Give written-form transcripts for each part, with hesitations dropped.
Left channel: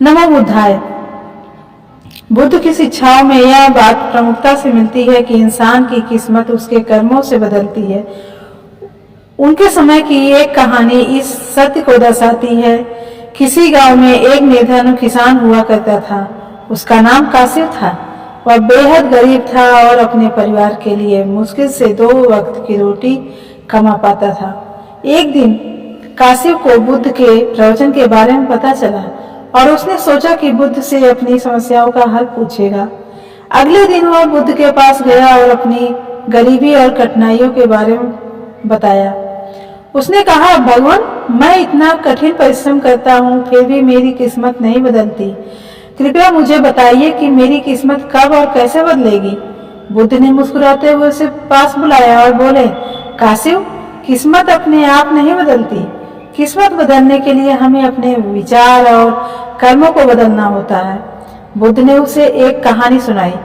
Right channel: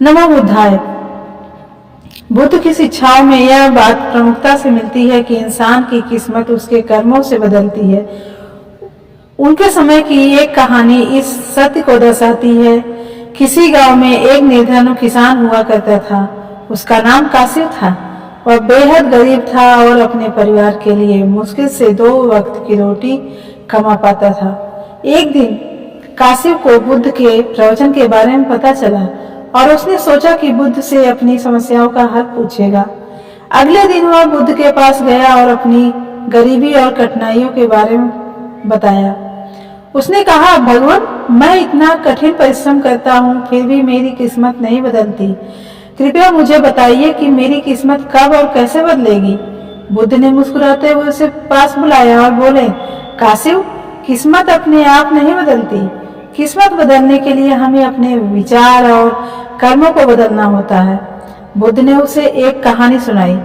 नमो बुद्धाय। बुद्ध की शिक्षाओं में यह बात प्रमुखता से मिलती है कि इंसान की किस्मत उसके कर्मों से बदलती है। उनके समय की एक कहानी इस सत्य को दर्शाती है। किसी गांव में एक निर्धन किसान हुआ करता था। उसका नाम कासिव था। वह बेहद गरीब था और अपने परिवार के लिए मुश्किल से 2 वक्त की रोटी कमा पाता था। एक दिन कासिव को बुद्ध के प्रवचन के बारे में पता चला और उसने सोचा कि बुद्ध से अपनी समस्याओं का हल पूछेगा। अगले दिन वह बुद्ध के पास गया और अपनी गरीबी और कठिनाइयों के बारे में बताया। उसने कहा, भगवान, मैं इतना कठिन परिश्रम करता हूँ, फिर भी मेरी किस्मत नहीं बदलती। कृपया मुझे बताइए कि मेरी किस्मत कब और कैसे बदलेगी। बुद्ध ने मुस्कुराते हुए उसे पास बुलाया और बोले, कासिव, किस्मत अपने आप नहीं बदलती। किस्मत बदलने के लिए हमें अपने विचार और कर्मों को बदलना होता है। बुद्ध ने उसे एक कहानी सुनाई।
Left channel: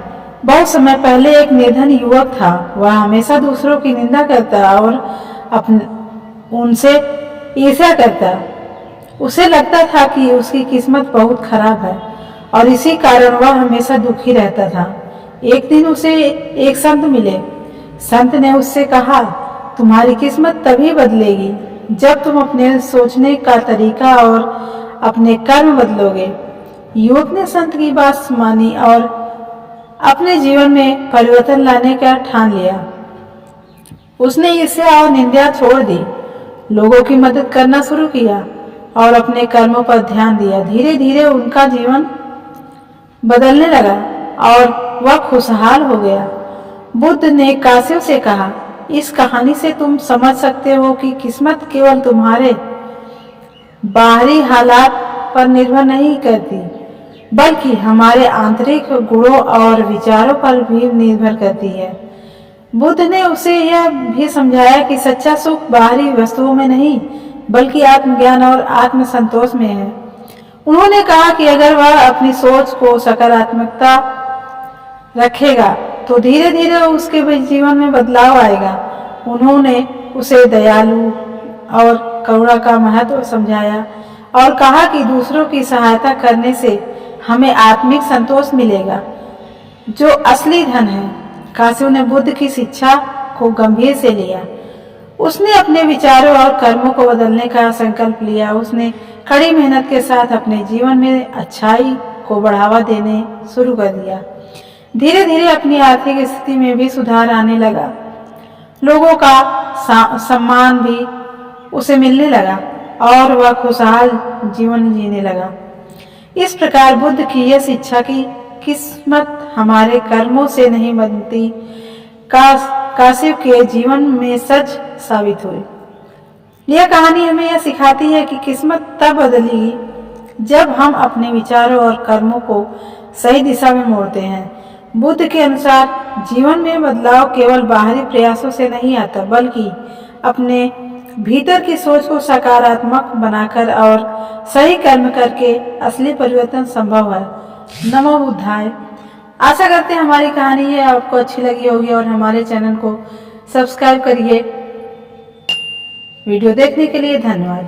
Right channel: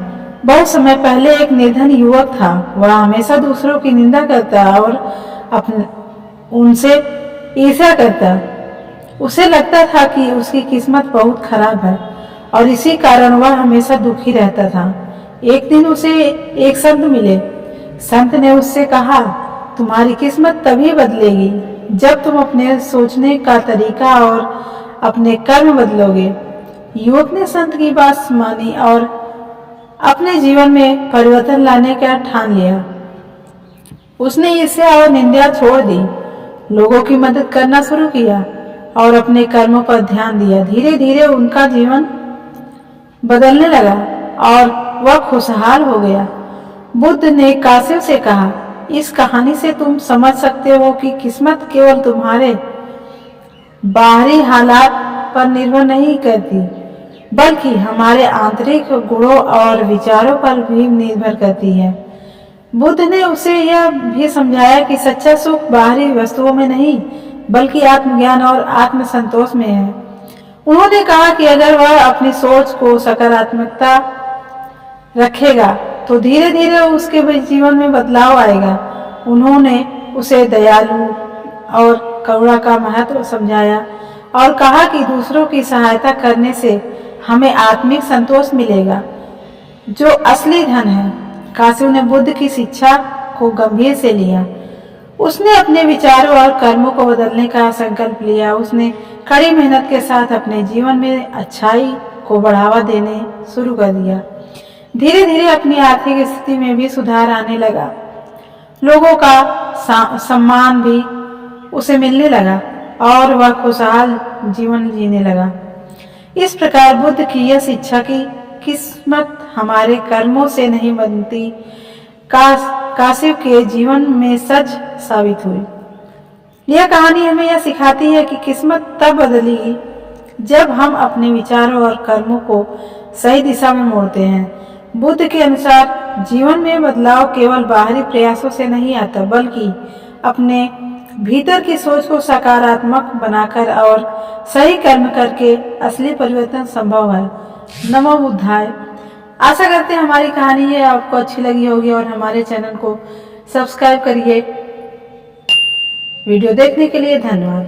बहुत समय पहले एक निर्धन युवक था। वह हमेशा दूसरों की निंदा करता और उनसे ईर्ष्या करता। उसे लगता था कि उसकी किस्मत बहुत खराब है और इसी कारण वह हमेशा दुखी रहता था। एक दिन उसे एक संत मिले। संत ने उससे कहा, तुम्हारी किस्मत तभी बदलेगी जब तुम अपने सोचने का तरीका और अपने कर्म बदलोगे। युवक ने संत की बात मानी और अपने जीवन में परिवर्तन लाने का ठान लिया। उसने ईर्ष्या और निंदा छोड़ दी, लोगों की मदद करना शुरू किया और अपने कर्मों पर ध्यान दिया। धीरे धीरे उनका जीवन बदलने लगा और वह खुशहाल हो गया। बुद्ध ने कासिव से कहा, इस कहानी से तुम समझ सकते हो कि किस्मत केवल तुम्हारे बाहरी हालात पर निर्भर नहीं करती, बल्कि हमारे आंतरिक गुणों और विचारों पर भी निर्भर करती है। बुद्ध ने उसे यह भी समझाया कि सच्चा सुख बाहरी वस्तुओं में नहीं, बल्कि आत्मज्ञान और आत्मसंतोष में है। उन्होंने कहा कि अगर वह अपनी सोच को सकारात्मकता रखेगा तो धीरे धीरे उसके जीवन में बदलाव आएगा। उन्होंने उसे दयालु और करुणा का महत्व समझाया और कहा कि दूसरों की सहायता करने से हमें आत्मिक संतोष मिलेगा, जो असली धन है। कासिव ने बुद्ध की शिक्षा को गंभीर से लिया। उसने अपने विचारों और कर्मों को बदलने का संकल्प लिया। उसने कड़ी मेहनत के साथ अपने जीवन में अच्छाई को बढ़ावा देने शुरू कर दिया। धीरे धीरे अपनी आर्थिक स्थिति में भी सुधार आने लगा। लोगों का सम्मान भी उसे मिलने लगा और वह खुशहाल जीवन जीने लगा। इस प्रकार बुद्ध की यह शिक्षा की किस्मत हमारे कर्मों से नहीं बनती कासिव के जीवन में सच साबित हुई। यह कहानी हमें यह सिखाती है कि किस्मत तब बदलेगी जब हम अपने विचारों और कर्मों को सही दिशा में मोड़ते हैं। बुद्ध के अनुसार जीवन में बदलाव केवल बाहरी प्रयासों से नहीं आता, बल्कि अपने भीतर की सोच को सकारात्मक बनाकर और सही कर्म करके असली परिवर्तन संभव है। नमो बुद्धाय। आशा करते हैं हमारी कहानी है आपको अच्छी लगी होगी और हमारे चैनल को सब्सक्राइब करिए। वीडियो देखने के लिए धन्यवाद।